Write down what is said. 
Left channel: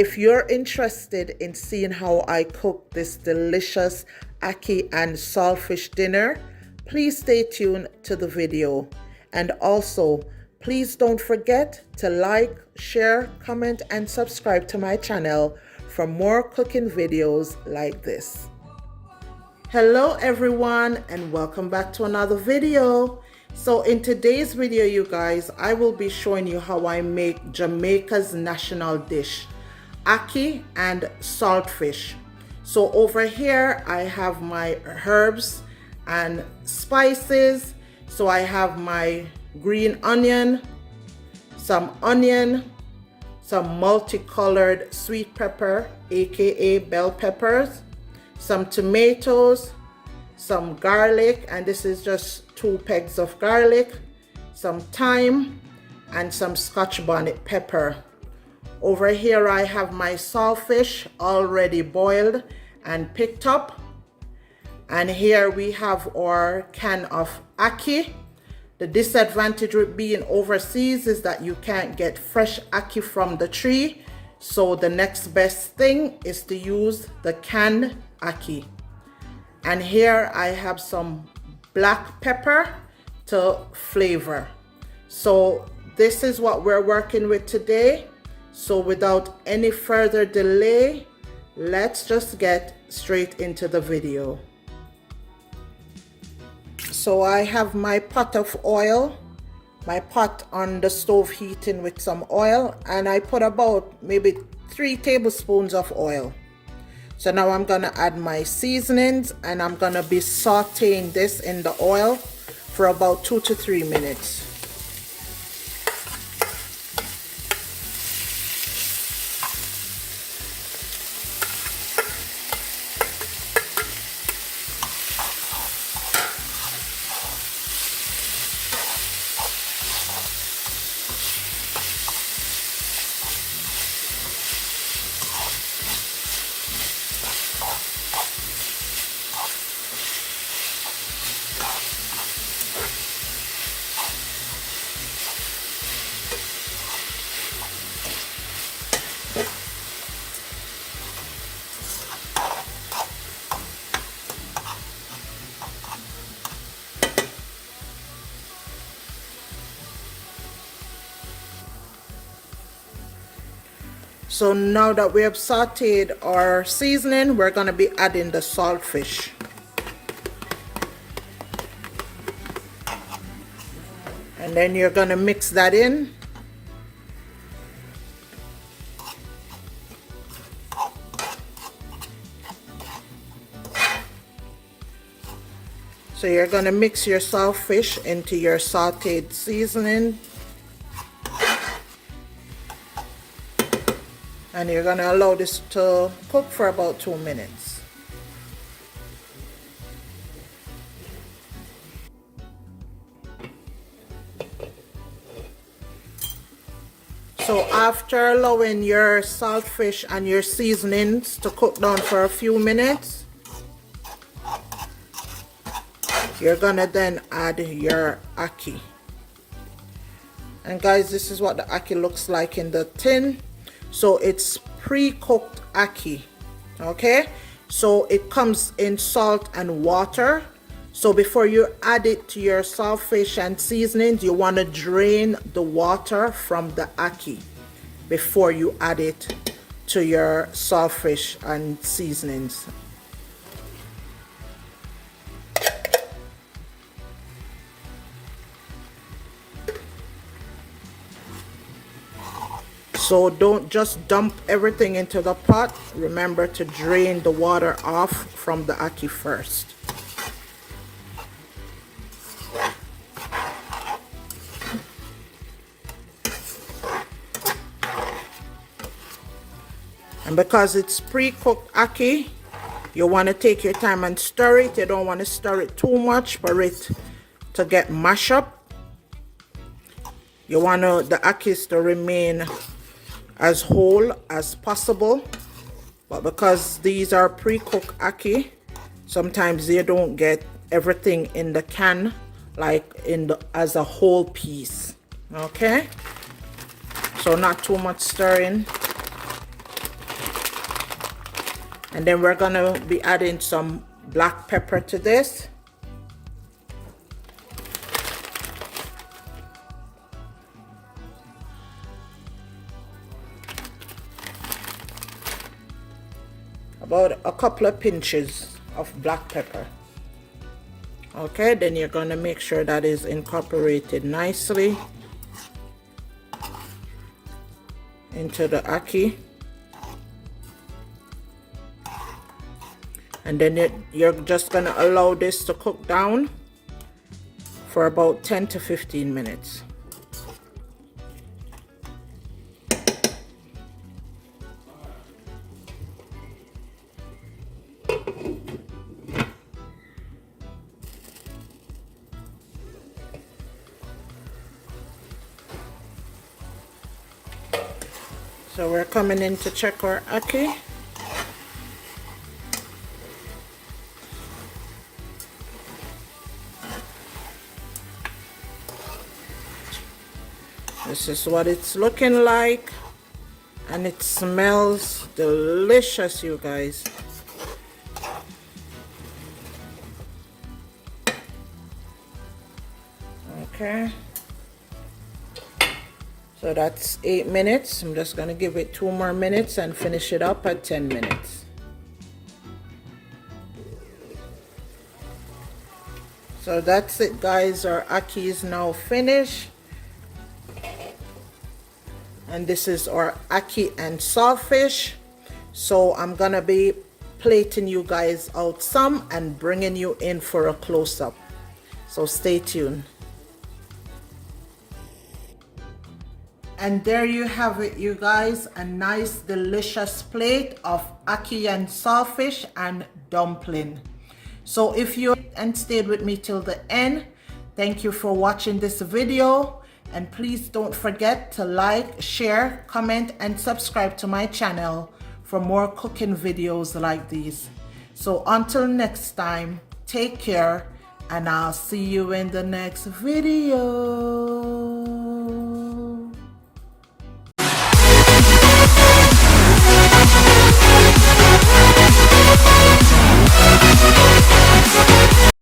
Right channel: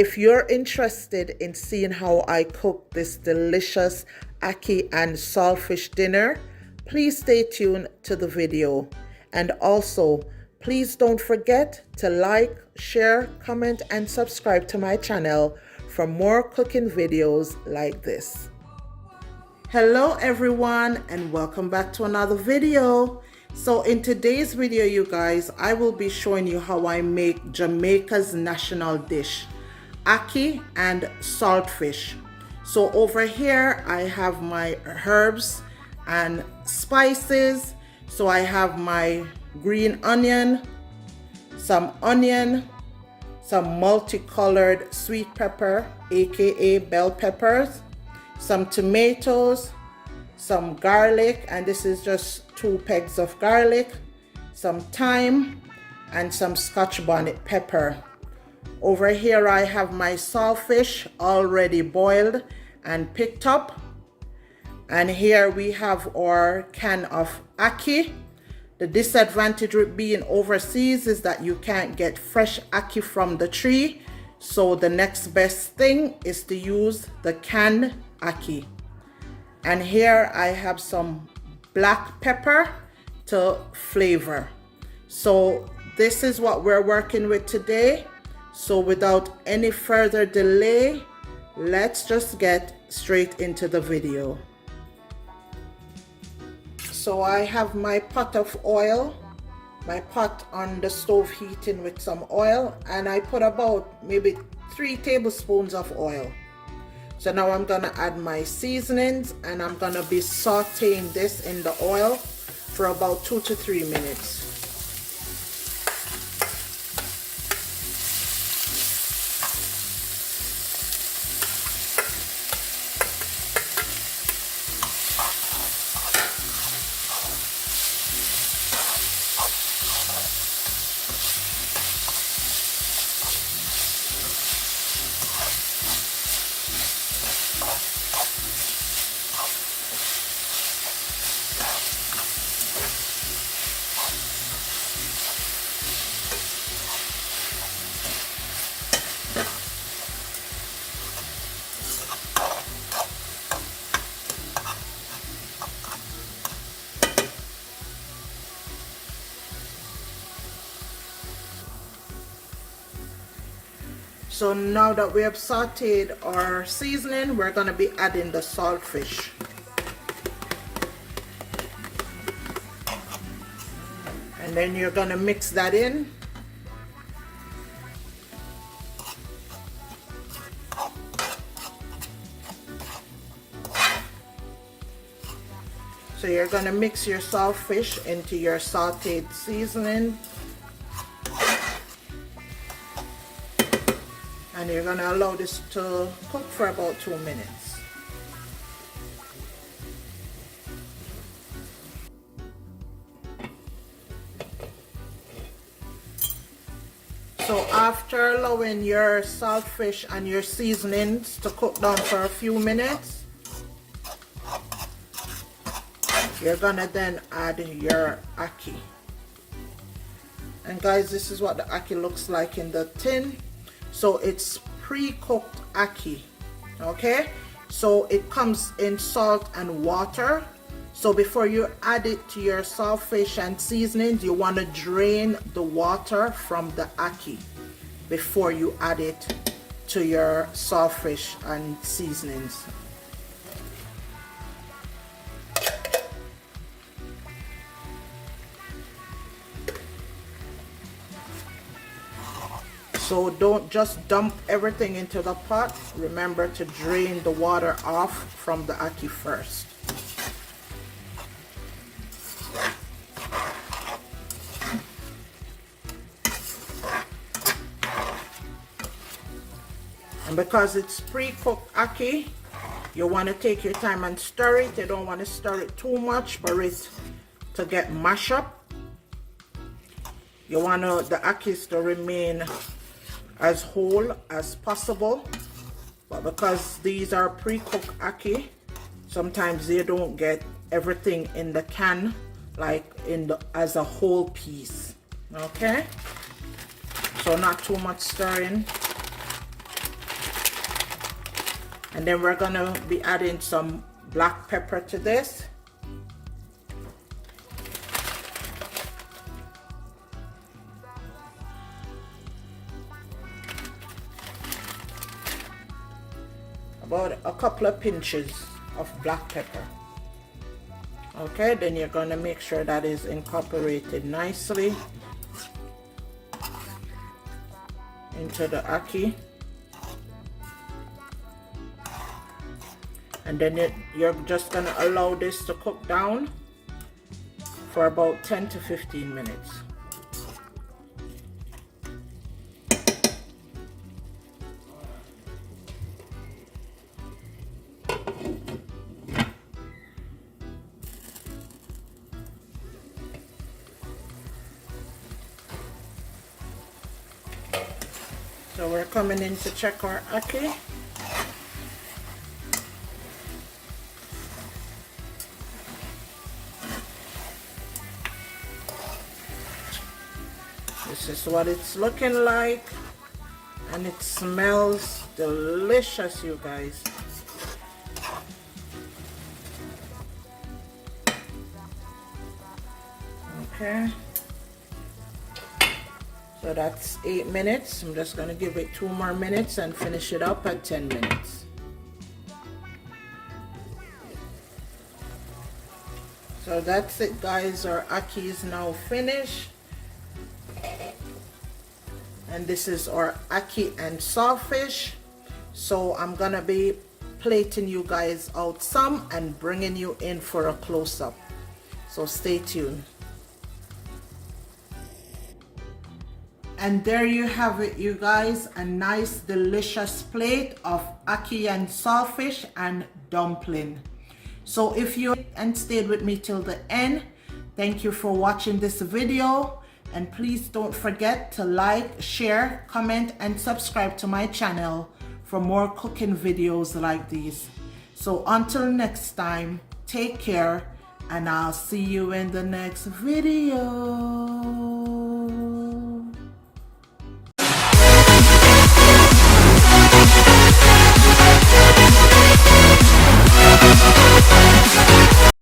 if you're interested in seeing how I cook this delicious ackee and saltfish dinner, please stay tuned to the video. And also, please don't forget to like, share, comment, and subscribe to my channel for more cooking videos like this. Hello everyone, and welcome back to another video. So in today's video, you guys, I will be showing you how I make Jamaica's national dish, ackee and saltfish. So over here I have my herbs and spices. So I have my green onion, some multicolored sweet pepper, aka bell peppers, some tomatoes, some garlic, and this is just 2 pegs of garlic, some thyme, and some Scotch bonnet pepper. Over here I have my saltfish already boiled and picked up, and here we have our can of ackee. The disadvantage with being overseas is that you can't get fresh ackee from the tree, so the next best thing is to use the canned ackee. And here I have some black pepper to flavor. So this is what we're working with today. So without any further delay, let's just get straight into the video. So I have my pot of oil, my pot on the stove heating with some oil, and I put about maybe 3 tablespoons of oil. So now I'm gonna add my seasonings, and I'm gonna be sauteing this in the oil for about 2 to 3 minutes. So now that we have sauteed our seasoning, we're going to be adding the saltfish. And then you're going to mix that in. So you're going to mix your saltfish into your sauteed seasoning. And you're going to allow this to cook for about 2 minutes. So after allowing your saltfish and your seasonings to cook down for a few minutes, you're going to then add your ackee. And guys, this is what the ackee looks like in the tin. So it's pre-cooked ackee, okay? So it comes in salt and water. So before you add it to your saltfish and seasonings, you want to drain the water from the ackee before you add it to your saltfish and seasonings. So don't just dump everything into the pot. Remember to drain the water off from the ackee first. And because it's pre-cooked ackee, you want to take your time and stir it. You don't want to stir it too much for it to get mashed up. You want the ackee to remain as whole as possible, but because these are pre-cooked ackee, sometimes they don't get everything in the can like as a whole piece. Okay, so not too much stirring. And then we're gonna be adding some black pepper to this. About a couple of pinches of black pepper. Okay, then you're gonna make sure that is incorporated nicely into the ackee. And then you're just gonna allow this to cook down for about 10 to 15 minutes. So we're coming in to check our ackee. This is what it's looking like, and it smells delicious, you guys. Okay, so that's 8 minutes. I'm just gonna give it 2 more minutes and finish it up at 10 minutes. So that's it, guys. Our ackee is now finished. And this is our ackee and saltfish. So I'm gonna be plating you guys out some and bringing you in for a close-up. So stay tuned. And there you have it, you guys, a nice delicious plate of ackee and saltfish and dumpling. So if you and stayed with me till the end, thank you for watching this video. And please don't forget to like, share, comment, and subscribe to my channel for more cooking videos like these. So until next time, take care, and I'll see you in the next video.